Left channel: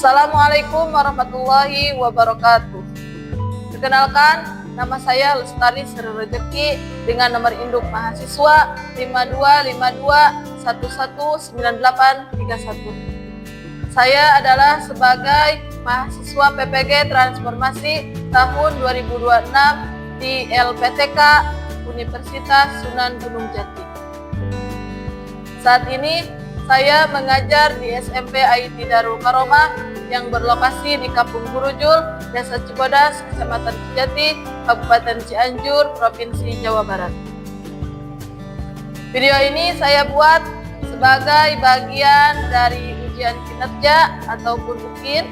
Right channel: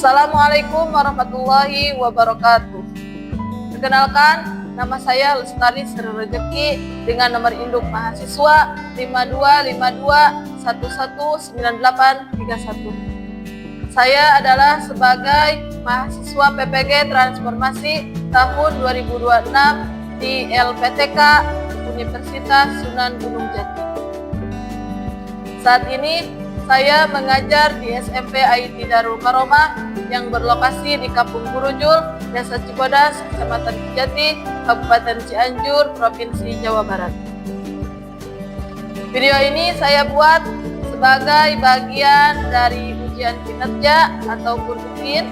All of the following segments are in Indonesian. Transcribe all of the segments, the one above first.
Assalamualaikum warahmatullahi wabarakatuh. Perkenalkan, nama saya Lestari Sri Rezeki dengan nomor induk mahasiswa 5252119831. Saya adalah sebagai mahasiswa PPG Transformasi tahun 2026 di LPTK Universitas Sunan Gunung Jati. Saat ini saya mengajar di SMP IT Darul Karomah yang berlokasi di Kampung Gurujul, Desa Cibodas, Kecamatan Kijati, Kabupaten Cianjur, Provinsi Jawa Barat. Video ini saya buat sebagai bagian dari ujian kinerja ataupun UKIN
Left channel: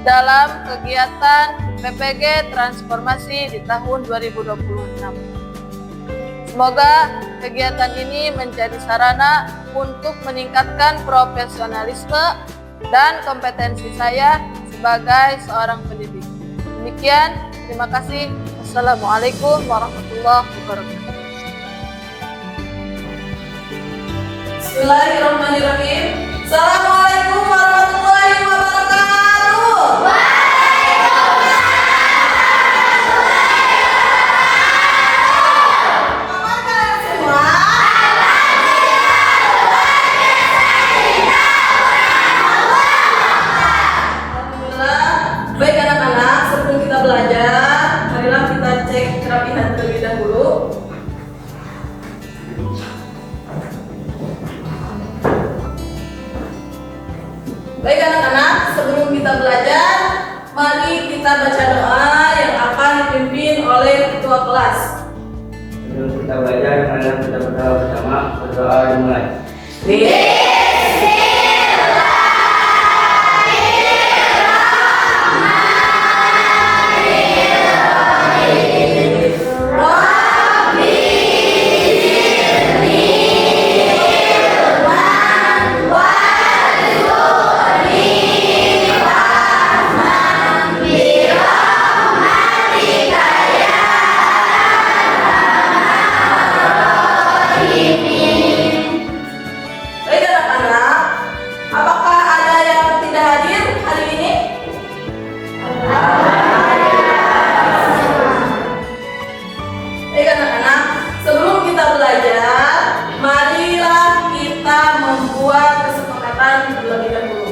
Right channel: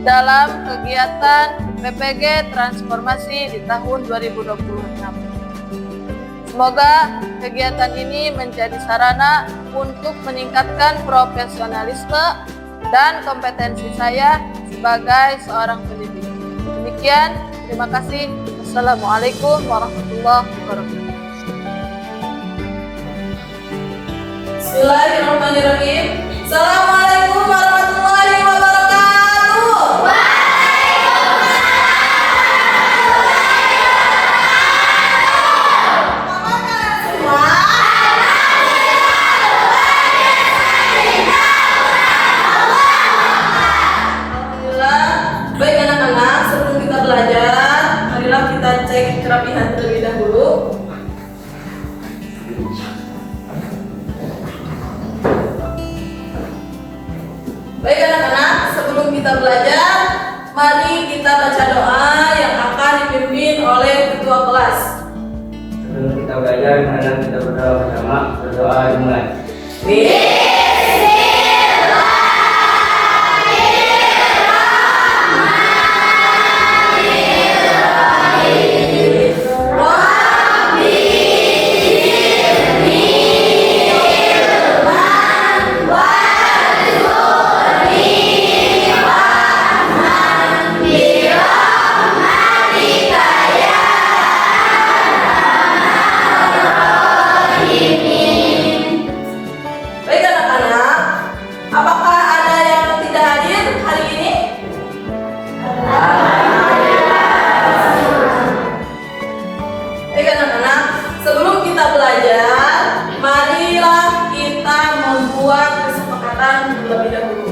dalam kegiatan PPG Transformasi di tahun 2026. Semoga kegiatan ini menjadi sarana untuk meningkatkan profesionalisme dan kompetensi saya sebagai seorang pendidik. Demikian, terima kasih. Wassalamualaikum warahmatullahi wabarakatuh. Bismillahirrahmanirrahim. Assalamualaikum warahmatullahi wabarakatuh. Baik anak-anak, sebelum kita belajar, marilah kita cek kerapihan terlebih dahulu. Baik anak-anak, sebelum kita belajar, mari kita baca doa yang akan dipimpin oleh ketua kelas. Sebelum kita belajar, marilah kita berdoa bersama. Berdoa dimulai. Baik anak-anak, apakah ada yang tidak hadir hari ini? Baik anak-anak, sebelum kita belajar, marilah kita membuat kesepakatan terlebih dahulu.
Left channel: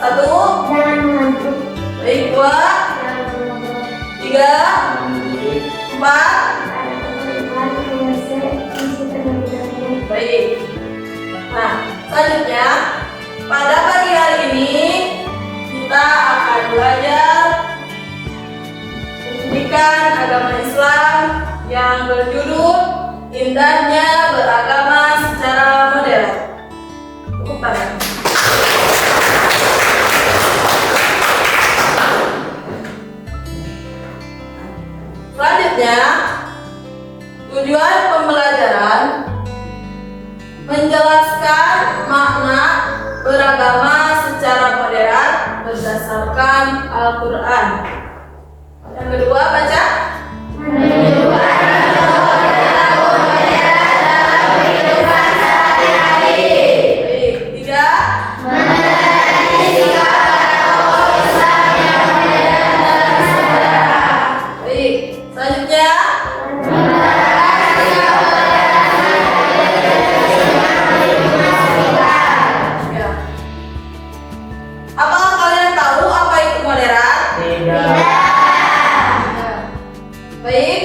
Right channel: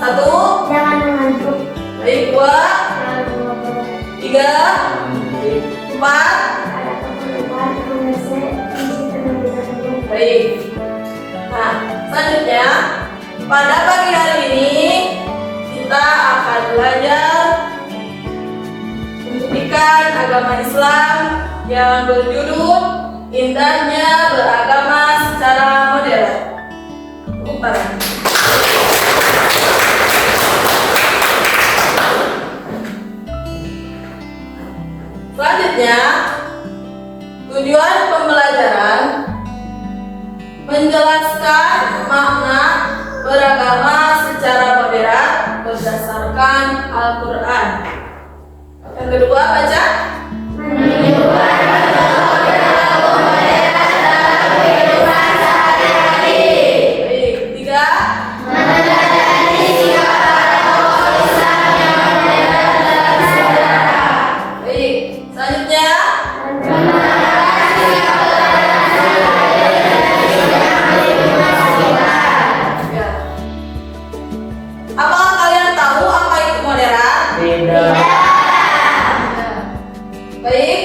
1, Jangan mengantuk. baik 2, Jangan ngobrol. 3, 4, Ada keperluan menyelesaikan isi terlebih dahulu. baik. Nah, selanjutnya pada pagi hari ini kita akan belajar pendidikan agama Islam yang berjudul Indahnya Beragama Secara Modern. Tepuk tangan. Selanjutnya, tujuan pembelajaran menjelaskan makna beragama secara modern berdasarkan Al-Quran. Yang kedua, baca. Baik, 3. Baik, selanjutnya. Ya. Apakah kalian tahu apa itu moderat? Tidak. Baik,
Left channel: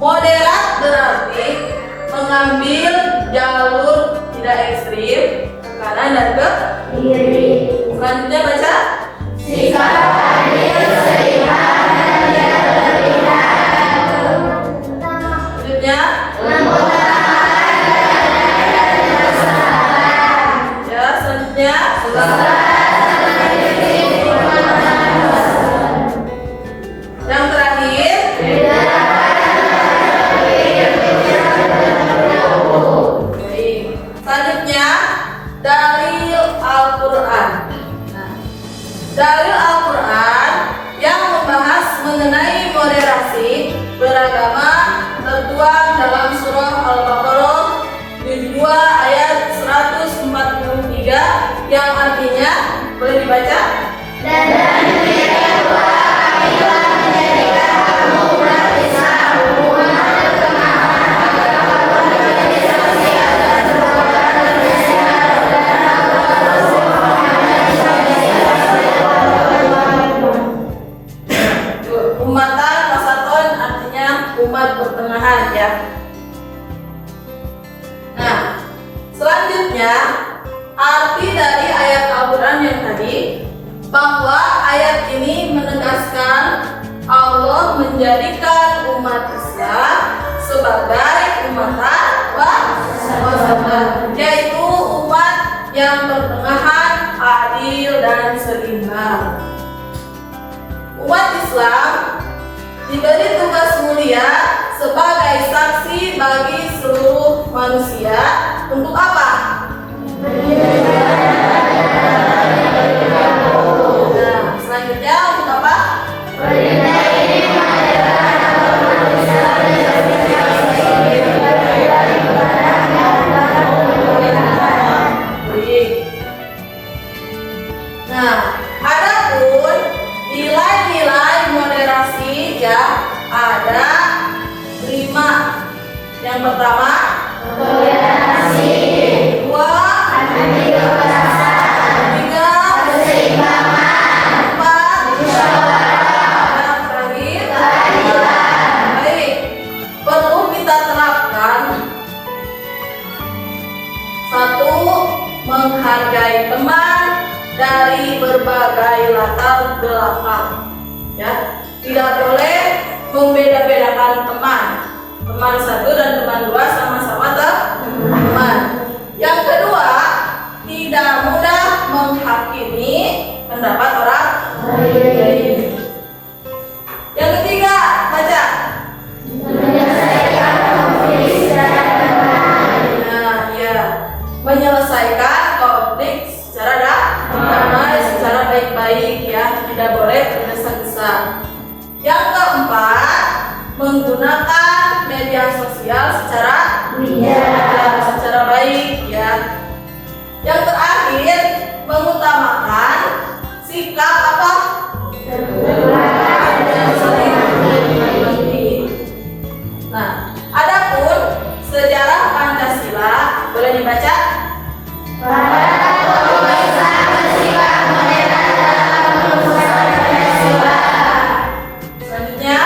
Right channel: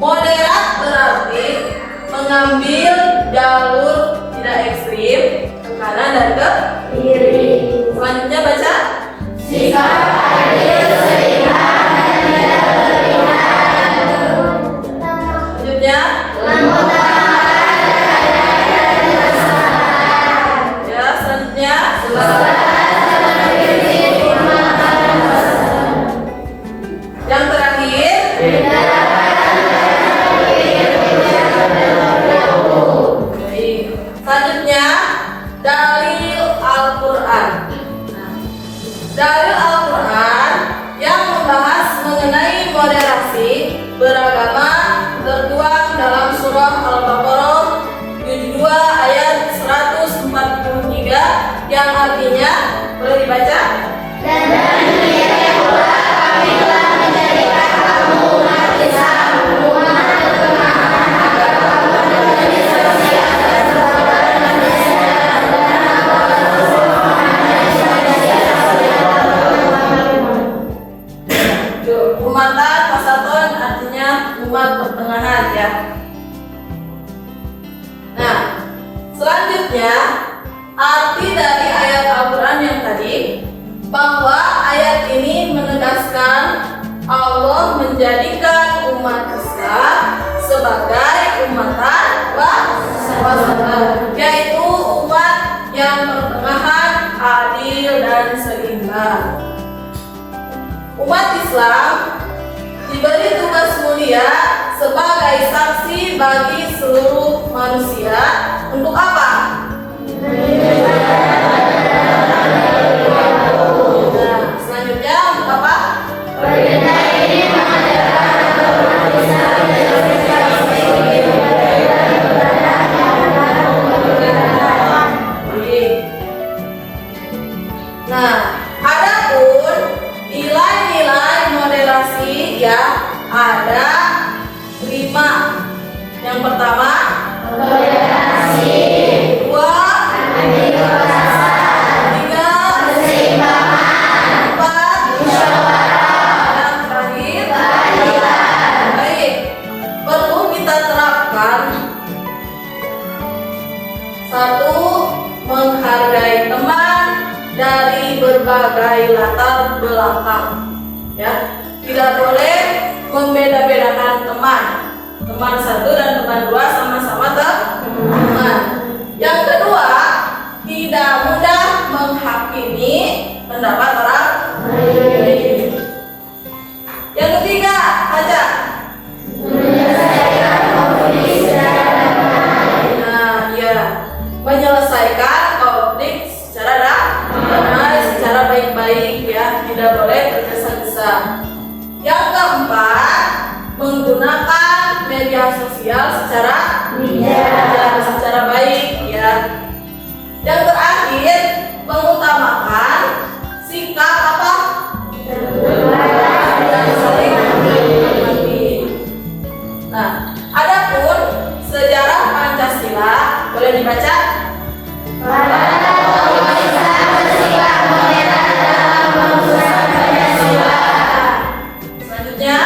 moderat berarti mengambil jalur tidak ekstrim ke kanan dan ke kiri. Selanjutnya baca. Selanjutnya. Ya, selanjutnya. Yang terakhir. dibaca. Dan demikian pula kami telah menjadikan kamu umat Islam, umat pertengahan agar kamu menjadi saksi atas perbuatan manusia dan anggota Rasul Muhammad Umatan wasaton artinya umat pertengahan ya. Nah, selanjutnya arti dari ayat Al-Quran yang tadi, bahwa ayat ini menegaskan Allah menjadikan umat Islam sebagai umatan wasatan, yaitu umat yang pertengahan, adil dan seimbang. Umat Islam diberi tugas mulia sebagai saksi bagi seluruh manusia untuk apa? Nah, selanjutnya untuk apa? Perintah ini mengadakan umat Islam menjadi saksi bagi Nah, adapun nilai-nilai moderasi ya ada 5. Yang pertama, toleransi, dua, adil rasa, tiga, keseimbangan, empat, musyawarah, dan terakhir keadilan. baik. Perlu kita terapkan: 1. Menghargai teman dari berbagai latar belakang ya, tidak boleh membeda-bedakan teman satu dan teman dua sama-sama teman. Yang kedua, tidak mudah menghakimi pendapat orang lain. Yang ketiga, baca. Menyelesaikan konflik secara damai. Nah, ya, menyelesaikan konflik secara damai, secara baik-baik ya, tidak boleh tergesa-gesa. Yang keempat, menggunakan media sosial secara baik ya. Yang terakhir, mengutamakan sikap apa? Saling mengerti. Nah, adapun sejarah Pancasila boleh dibaca. Para tokoh Islam bersikap toleran dalam merumuskan Pancasila, Selanjutnya,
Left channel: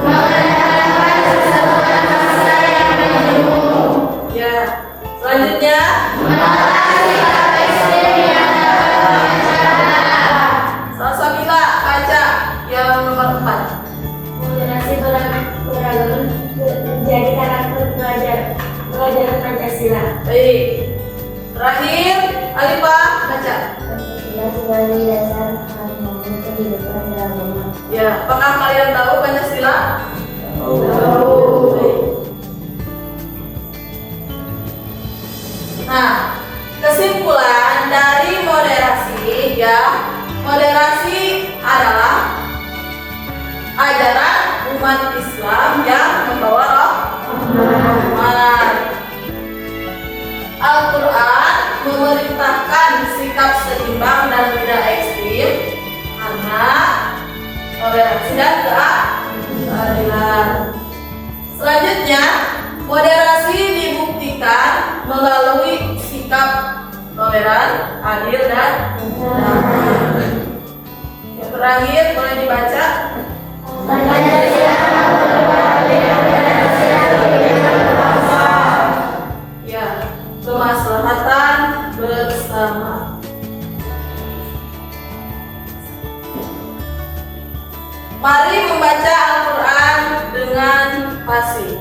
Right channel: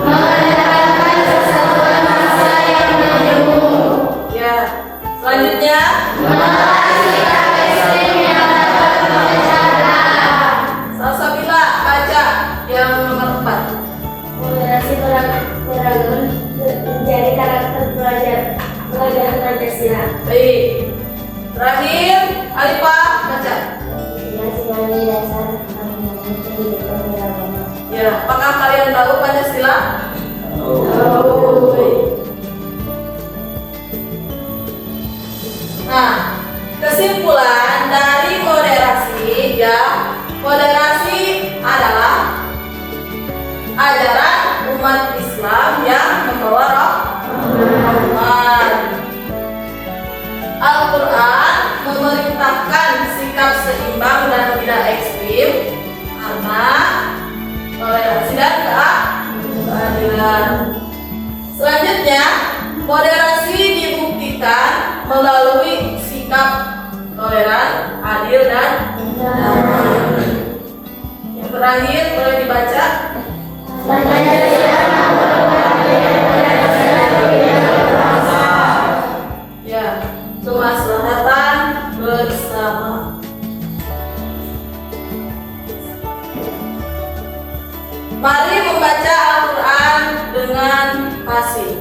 mengedepankan persatuan bangsa yang menyeluruh, ya. Selanjutnya, menolak sikap ekstrem yang dapat memecah belah. Salsabila baca yang nomor 4. Moderasi beragam menjadi karakter pelajaran Pancasila. Baik. Terakhir, Alifah baca. Ya, sebagai dasar harmoni kehidupan beragama. Ya, apakah kalian tahu Pancasila? Baik. Nah, kesimpulan dari moderasi ya, moderasi adalah ajaran umat Islam yang membawa rahmat. Al-Quran memerintahkan sikap seimbang dan tidak ekstrim karena toleransi dan keadilan. Selanjutnya, moderasi dibuktikan melalui sikap toleran, adil dan damai. Yang terakhir boleh dibaca. Pancasila Ya, kemaslahatan bersama. Mari membaca Al-Quran dengan fasih.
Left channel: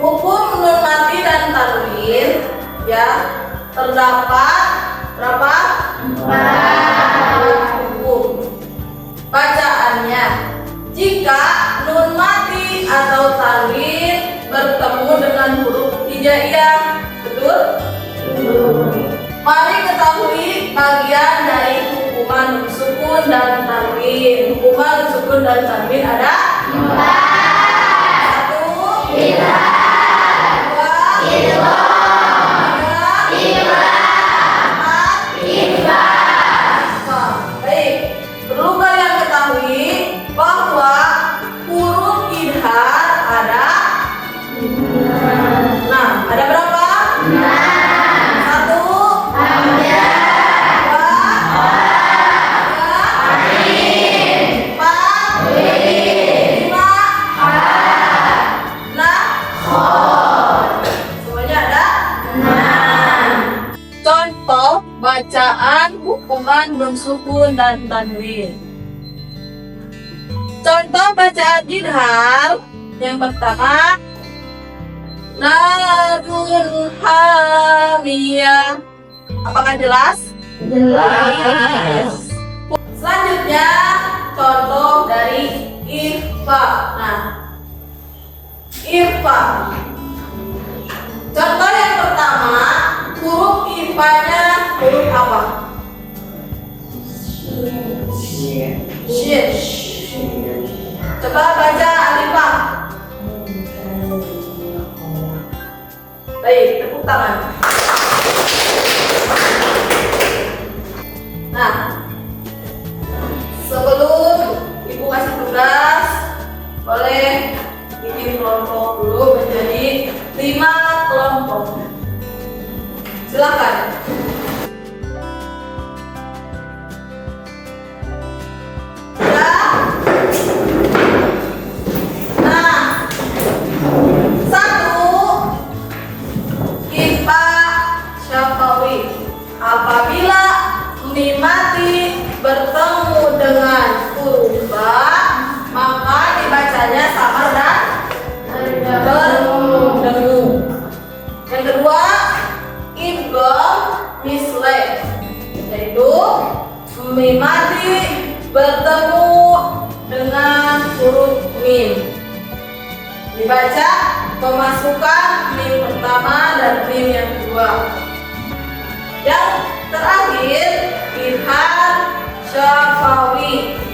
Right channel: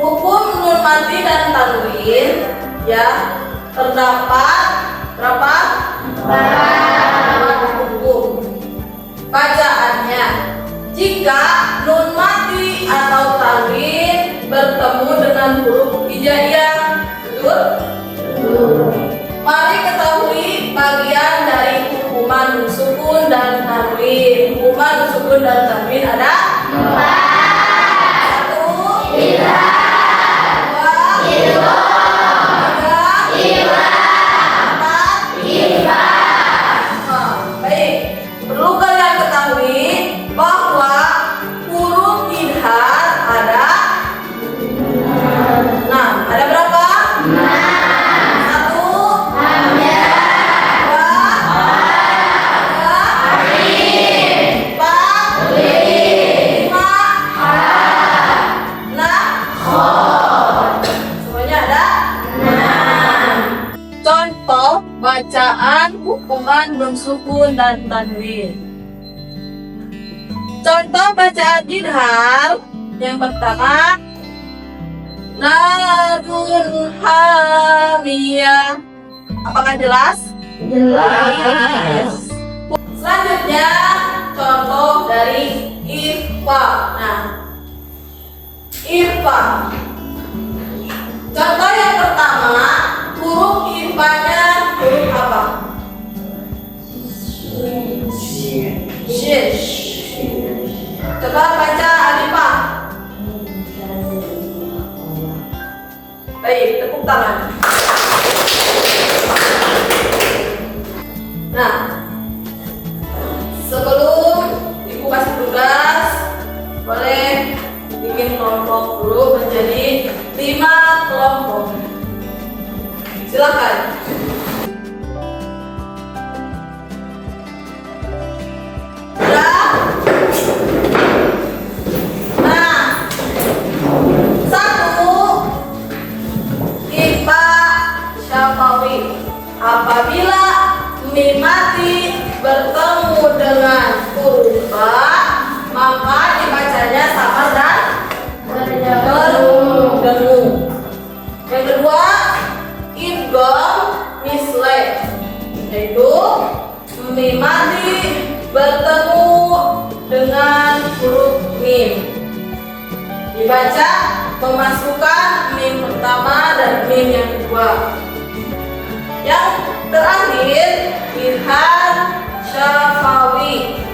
Hukum nun mati dan tanwin ya, terdapat berapa? 4 hukum. Bacaannya, jika nun mati atau tanwin bertemu dengan huruf hijaiyah, betul? Mari ketahui bagian dari hukuman nun sukun dan tanwin. Hukuman nun sukun dan tanwin ada 1, 2, 3, 4, 5, bacaan hukuman bersukun dan tanwin. Contoh bacaan idhar yang pertama, narun hamiyah. Apakah jelas? Jelas. Selanjutnya contoh dari irfa. Nah, irfa. Contoh yang pertama, huruf irfanya huruf apa? Shin. Coba baca alifah. Baik, tepuk tangan. Nah, sebelum ibu kasih tugas, boleh bikin kelompok dulu menjadi 5 kelompok. Silakan. Ya. Nah, 1, Ifa Syafawi. Apabila mim mati bertemu dengan huruf ba, maka dibacanya sama dan berdengung. Yang kedua, idgham misle, yaitu mim mati bertemu dengan huruf mim, dibaca memasukkan mim pertama dan mim yang kedua. Yang terakhir, idhar syafawi.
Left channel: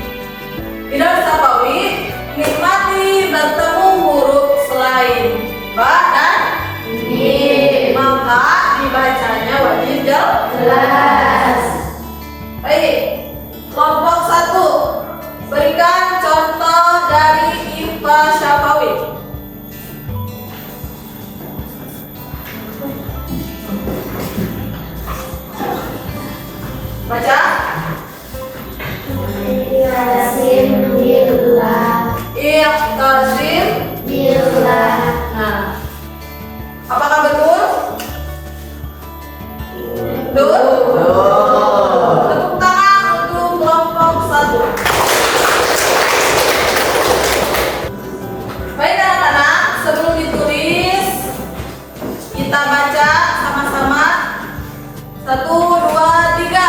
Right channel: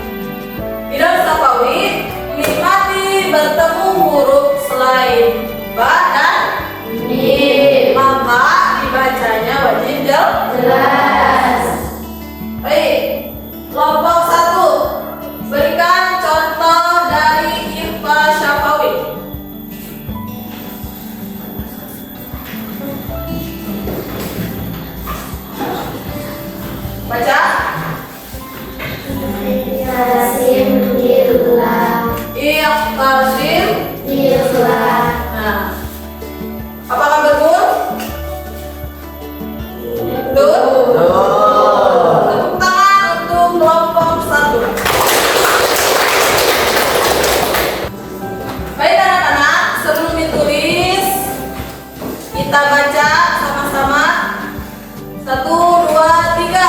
Idhar syafawi, mim mati bertemu huruf selain ba dan mim, maka dibacanya wajib jelas. Baik, kelompok 1, berikan contoh dari irfa syafawi. Baca. Ikhtasim billah. Ikhtasim. Billah. Nah, apakah betul? Betul? Tepuk tangan untuk kelompok 1. Baik anak-anak, sebelum ditulis, kita baca sama-sama. 1, 2, 3.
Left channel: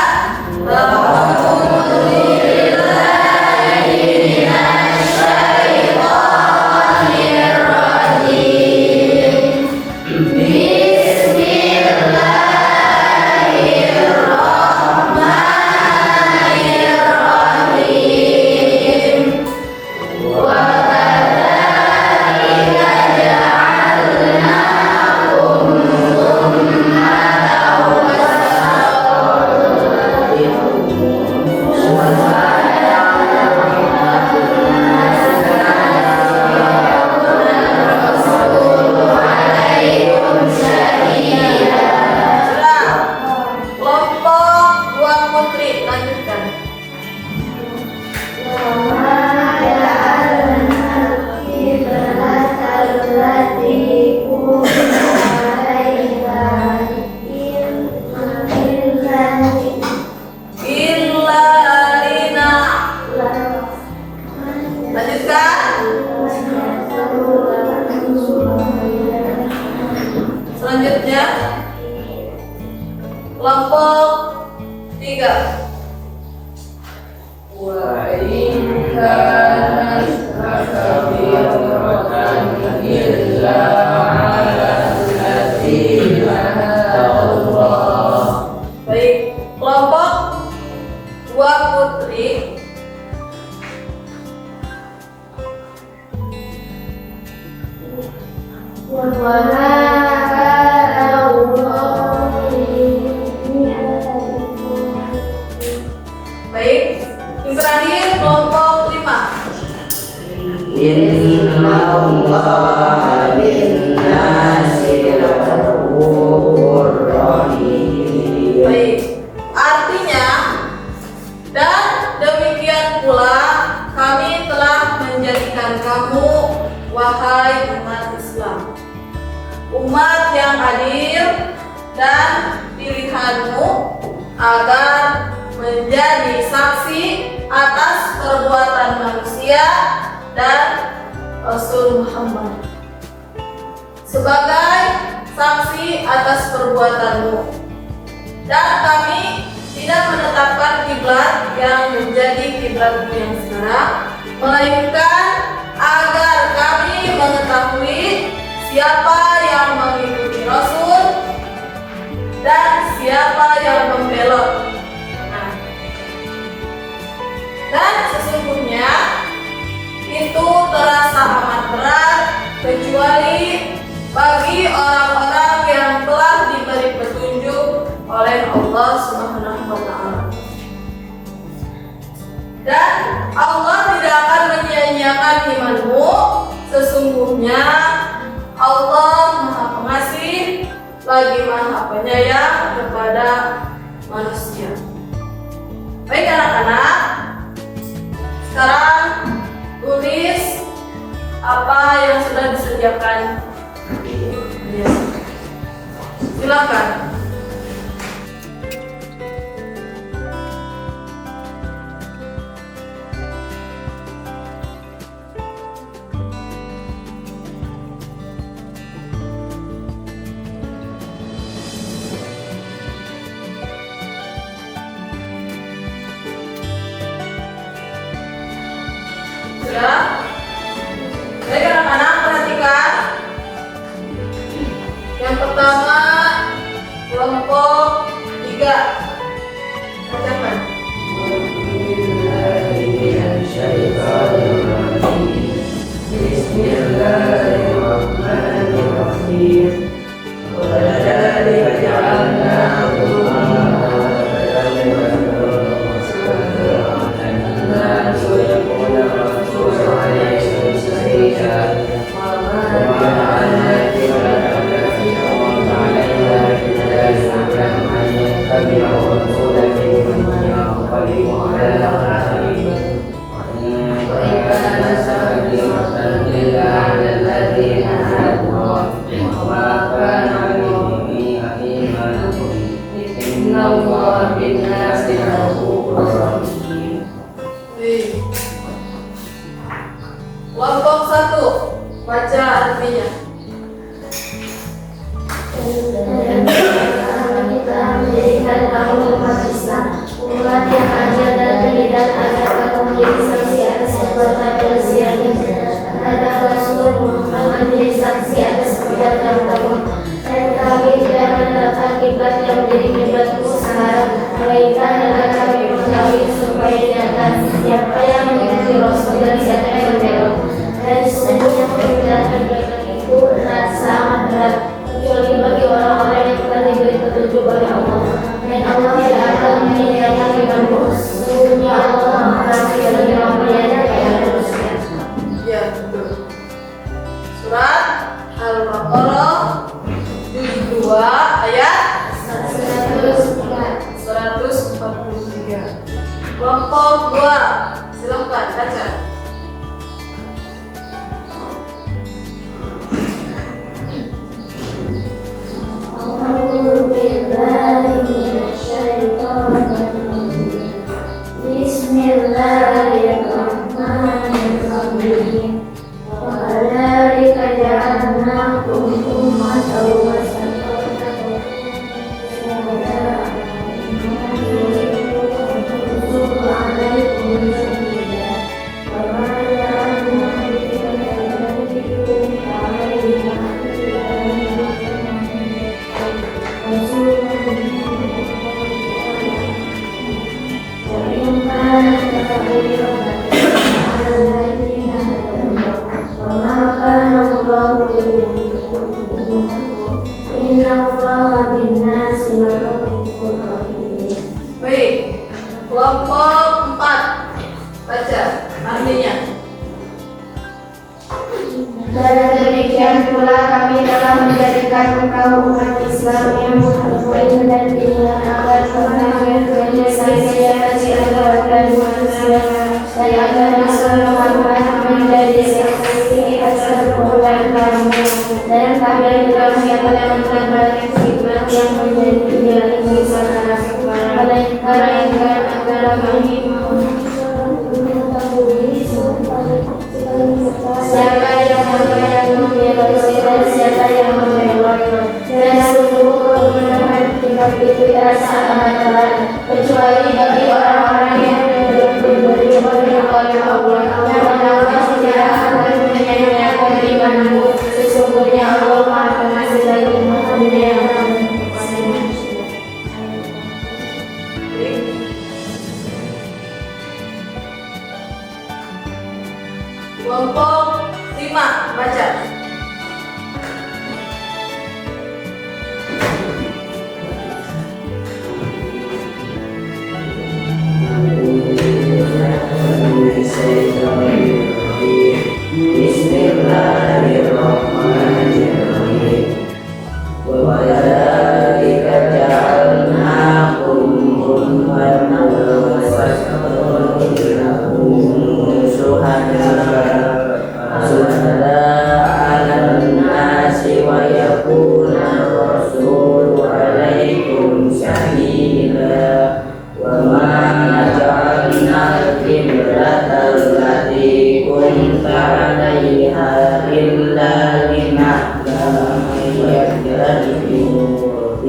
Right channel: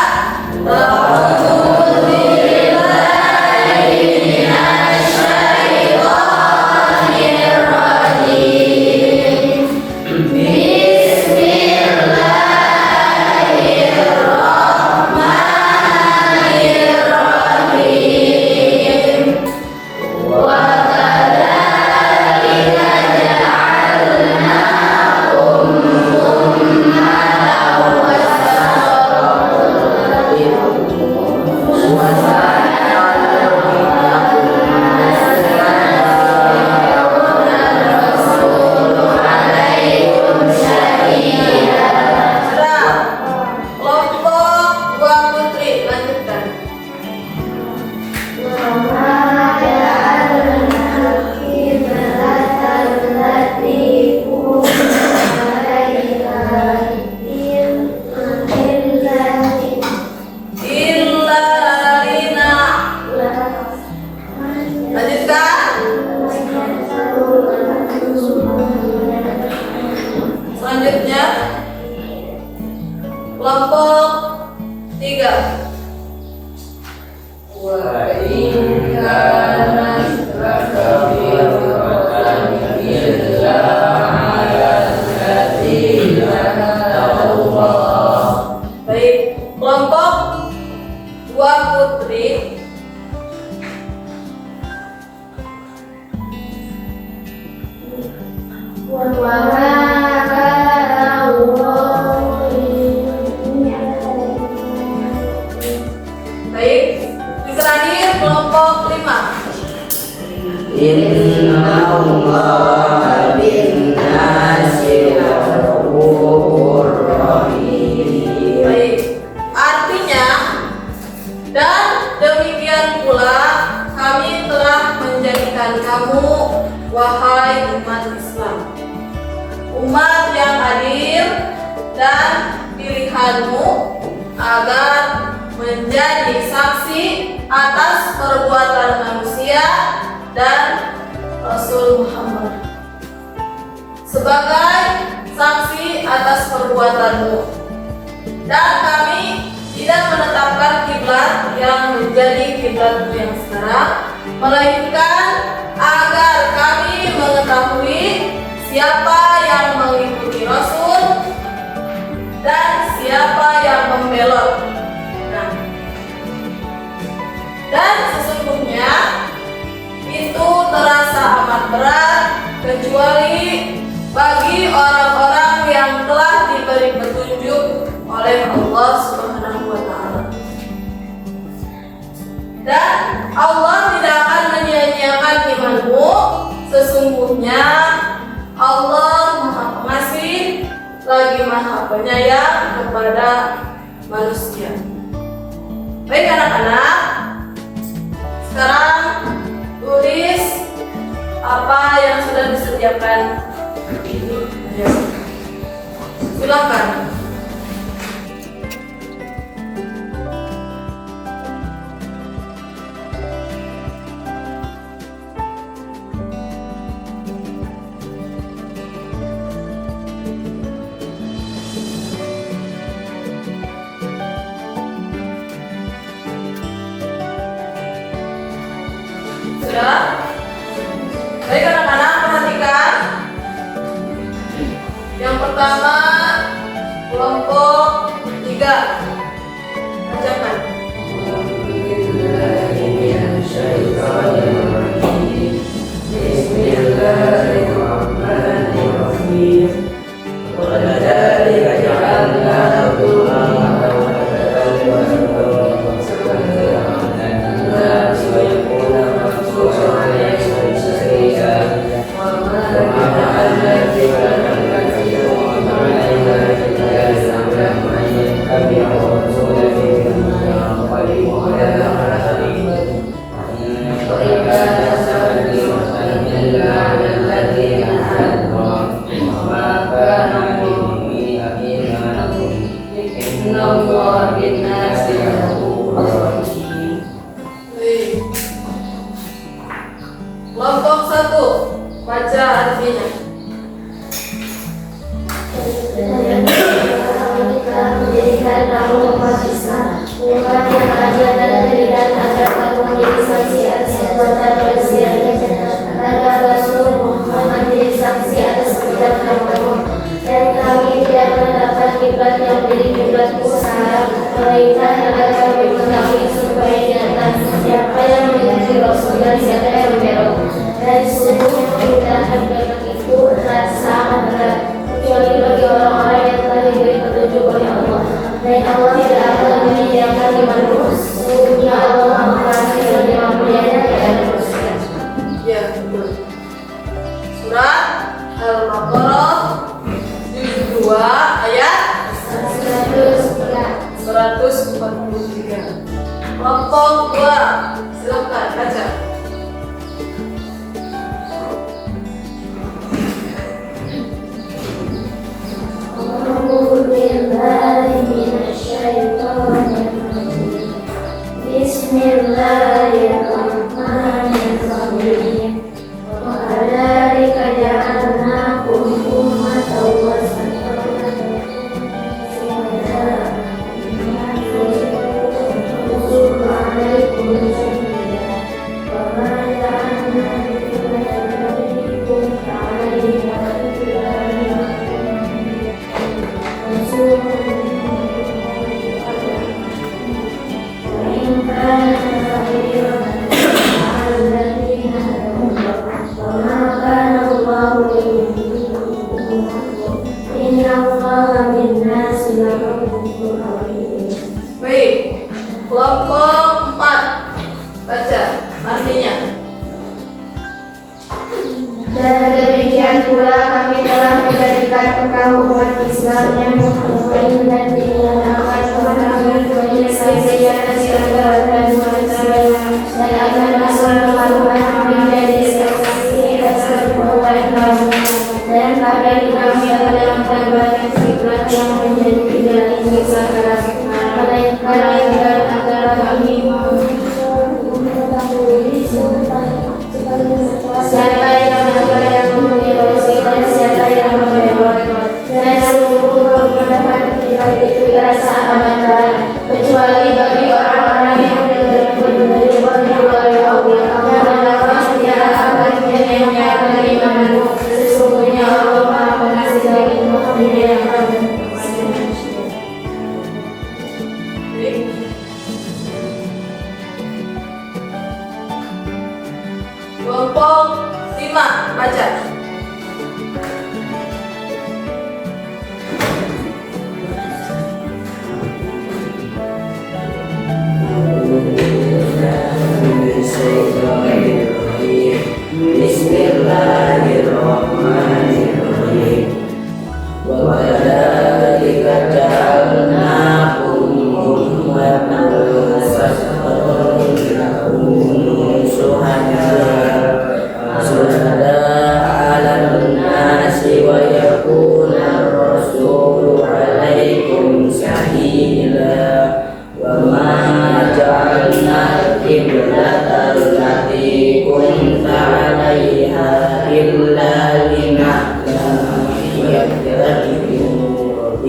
Selanjutnya kelompok 3. Wa in kana baik, kelompok 2 putri. Baik, yang terakhir kelompok 5. Innallaha bin-nasi ghafurur rahim. Baik, artinya, dan demikian pula kami telah menjadikan kamu, wahai umat Islam, umat yang adil, dan pilihanmu agar menjadi saksi atas perbuatan manusia dan Rasul Muhammad, sebagai saksi atas perbuatanmu, dan kami tidak menetapkan kiblat yang menjadi kiblatmu yang sekarang, melainkan agar kami mengetahui siapa yang mengikuti Rasul dan siapa yang membelot. Dan sesungguhnya itu terasa amat berat kecuali bagi orang-orang yang telah diberi petunjuk oleh Allah Subhanahu wa Ta'ala. Dan Allah tidak akan menyia-nyiakan imanmu. Sesungguhnya Allah Maha Pengasih lagi Maha Penyayang kepada manusia. Baik anak-anak, sekarang tulis apa yang sudah disediakan. Silakan. Sudah? Baik anak-anak, perhatikan. Yang pertama, kelompok 3. Bacakan. Bismillahirrahmanirrahim. Kelompok 1, baca artinya. Kita menjadikan kamu umat Islam, umat yang ajar dari dan agar kamu menjadi saksi atas perbuatan manusia ini, agar Rasul Muhammad menjadi saksi atas perbuatan kamu. Dan kami tidak menetapkan kiblat yang menjadi kiblatmu sekarang, melainkan agar kami mengetahui supaya diangkat siapa yang mengikuti Rasul dan siapa yang membelot. Dan sesungguhnya permintaan kiblat itu terasa amat berat kecuali bagi orang-orang yang telah diberi petunjuk oleh Allah. Dan Allah tidak akan menyediakan imanmu. Sesungguhnya Allah Maha lagi Maha Penyayang kepada manusia. Ya, betul. Surat Al-Baqarah juz 2 ayat 143. Kelompok 2, silakan baca. Bismillahirrahmanirrahim. Wadzalika ja'alnakum ummatan wasatan Baik, kelompok 4, baca artinya. Dan demikian pula kami telah menjadikan engkau umat Islam yang mukmin dan dimuliakan kemenangan dunia sia-sia dan segala dan manusia, dan agar Rasul Muhammad menjadi saksi atas perbuatan kamu. Dan kami juga menyatakan balik kiblat yang menjadi kiblat ini sekarang,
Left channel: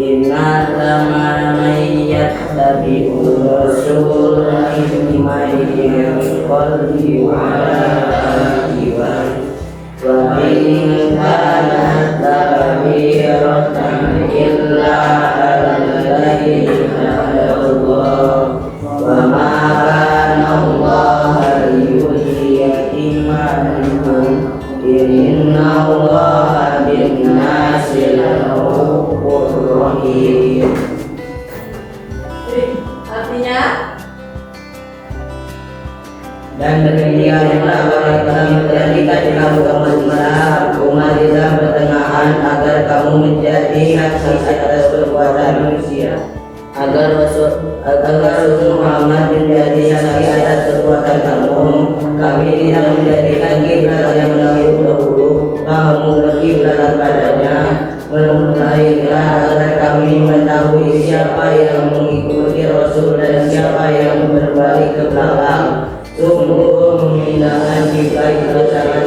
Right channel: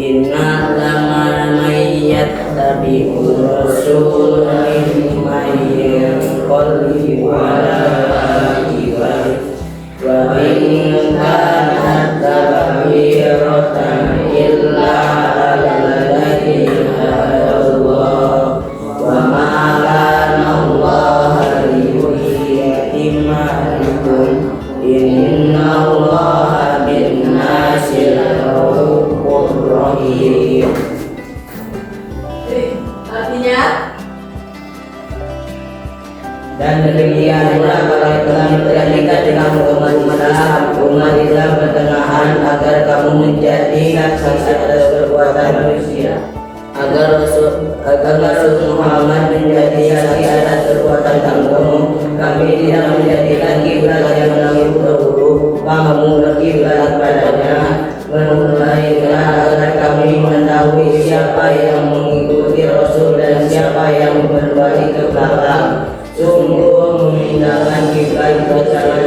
innama man yattabi'ur rasul mimman yanqalibu ala aqibai wa in kanat lakabiratan illa alladhina Allah wa ma kana Allah liyudhi'a imanakum inna Allah bin nasi la-ra'ufur rahim. Artinya Dan demikian telah telah menjadikan kamu umat Islam pertengahan agar kamu menjadi saksi atas perbuatan manusia, agar Rasul Muhammad menjadi saksi atas perbuatan kamu. Kami tidak menjadikan kiblat yang terdahulu, kamu berkiblat padanya, melainkan agar kami mengetahui siapa yang mengikuti Rasul dan siapa yang berbalik ke belakang. Sungguh memindahkan kiblat itu sangat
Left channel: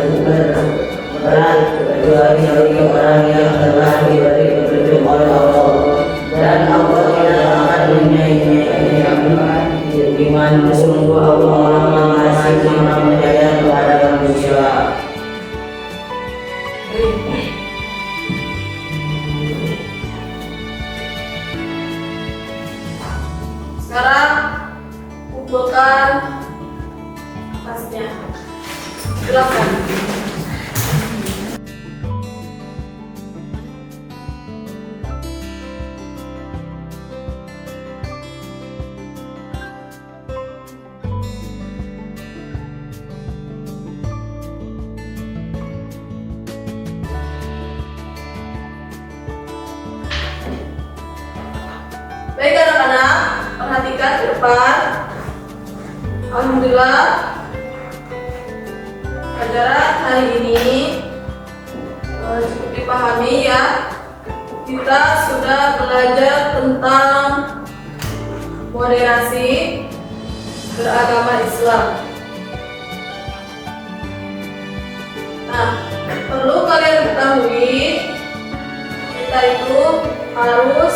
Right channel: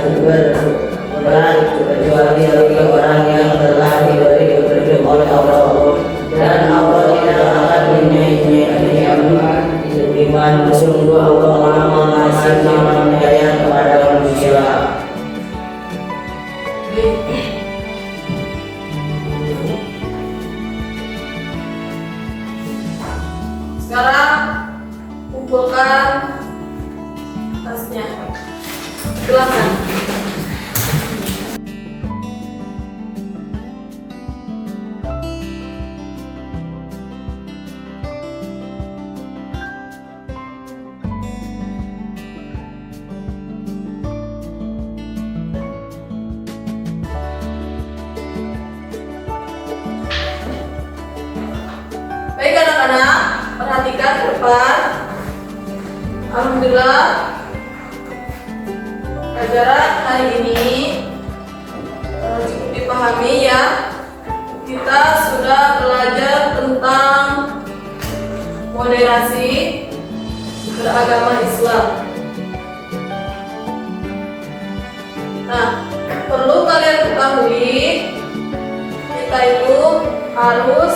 berat, kecuali bagi orang yang telah diberi petunjuk oleh Allah, dan Allah tidak akan menyia-nyiakan iman. Sungguh Allah Maha Pengasih Maha Penyayang kepada manusia. sekarang kumpulkan tasnya. Silakan. Baik anak-anak, perhatikan ke depan. Alhamdulillah, pelajaran hari ini cukup dipahami ya. Kita sudah belajar tentang moderasi beragama Islam. Nah, perlu kalian ketahui, kita itu harus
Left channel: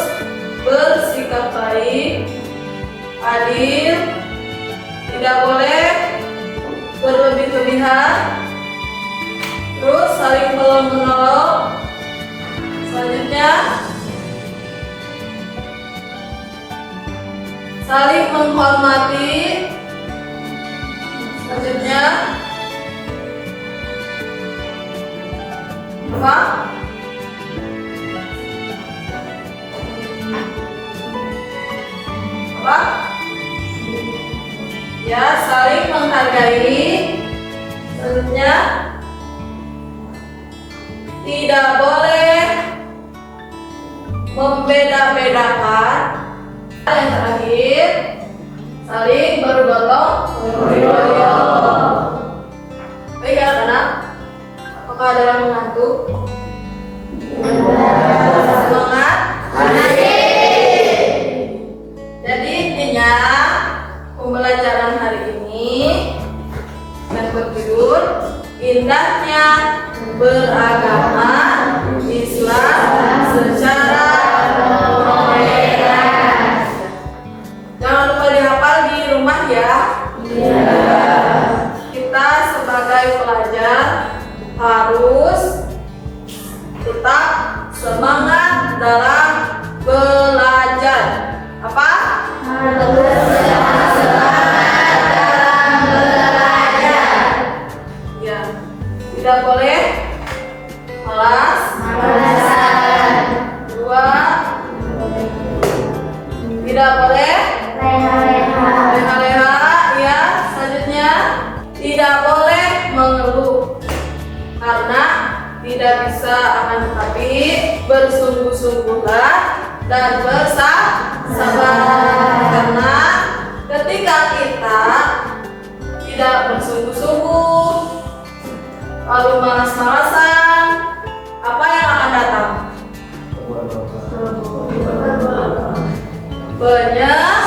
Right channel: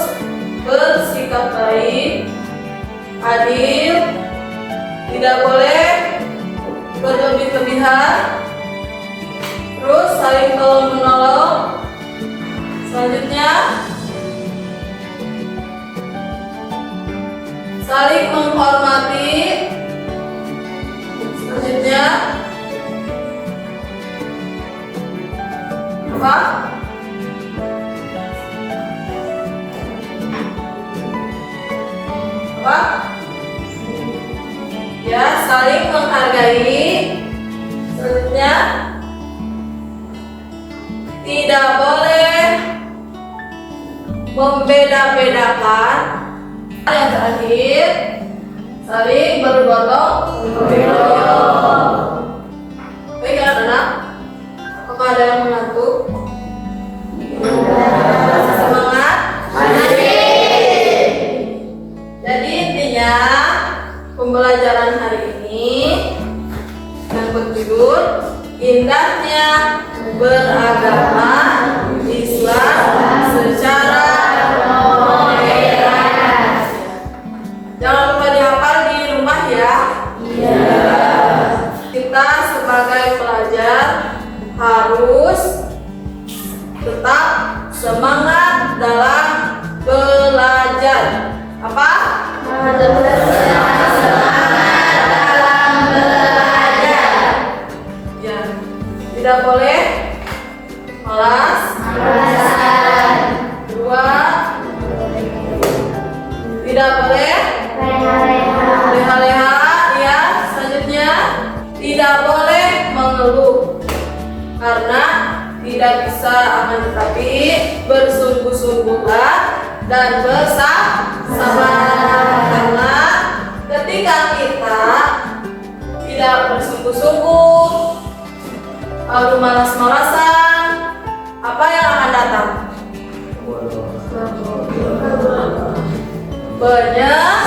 bersikap baik, adil, tidak boleh berlebih-lebihan, terus saling tolong-menolong. Selanjutnya, saling menghormati. Selanjutnya, apa? Apa? Ya, saling menghargai. Selanjutnya, tidak boleh membeda-bedakan. Yang terakhir, saling bergotong royong. Baik anak-anak, apakah ada yang mengantuk? Semangat. Jadi intinya pembelajaran hari ini dan berjudul indahnya beragama Islam secara modern. Jangan lupa dihafal di rumah ya. Kita sebagai pelajar harus tetap semangat dalam belajar. Apa? Ya, tidak boleh malas. Dua, tidak boleh leha-leha. Ya, selanjutnya tidak boleh mengeluh karena tidak bisa, akan tetapi bersungguh-sungguhlah dan bersabar, karena ketika kita tidak bersungguh-sungguh lalu malas-malasan, apa yang akan datang? Lihat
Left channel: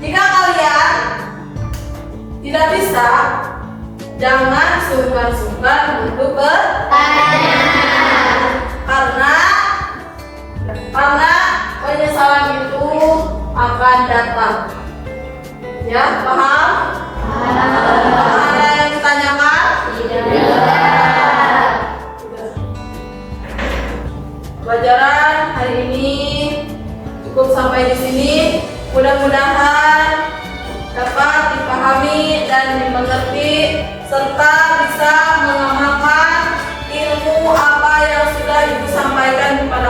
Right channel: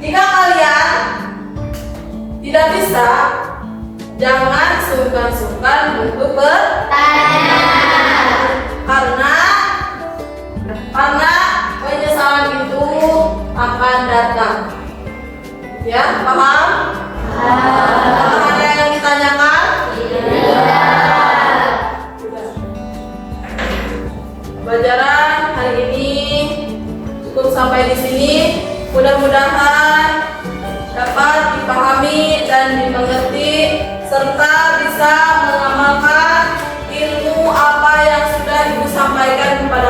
Jika kalian tidak bisa, jangan sungkan-sungkan untuk bertanya. Karena penyesalan itu akan datang. Ya, paham? Apakah ada yang ditanyakan? Tidak. Pelajaran hari ini cukup sampai di sini. Mudah-mudahan dapat dipahami dan dimengerti serta bisa mengamalkan ilmu apa yang sudah Ibu sampaikan kepada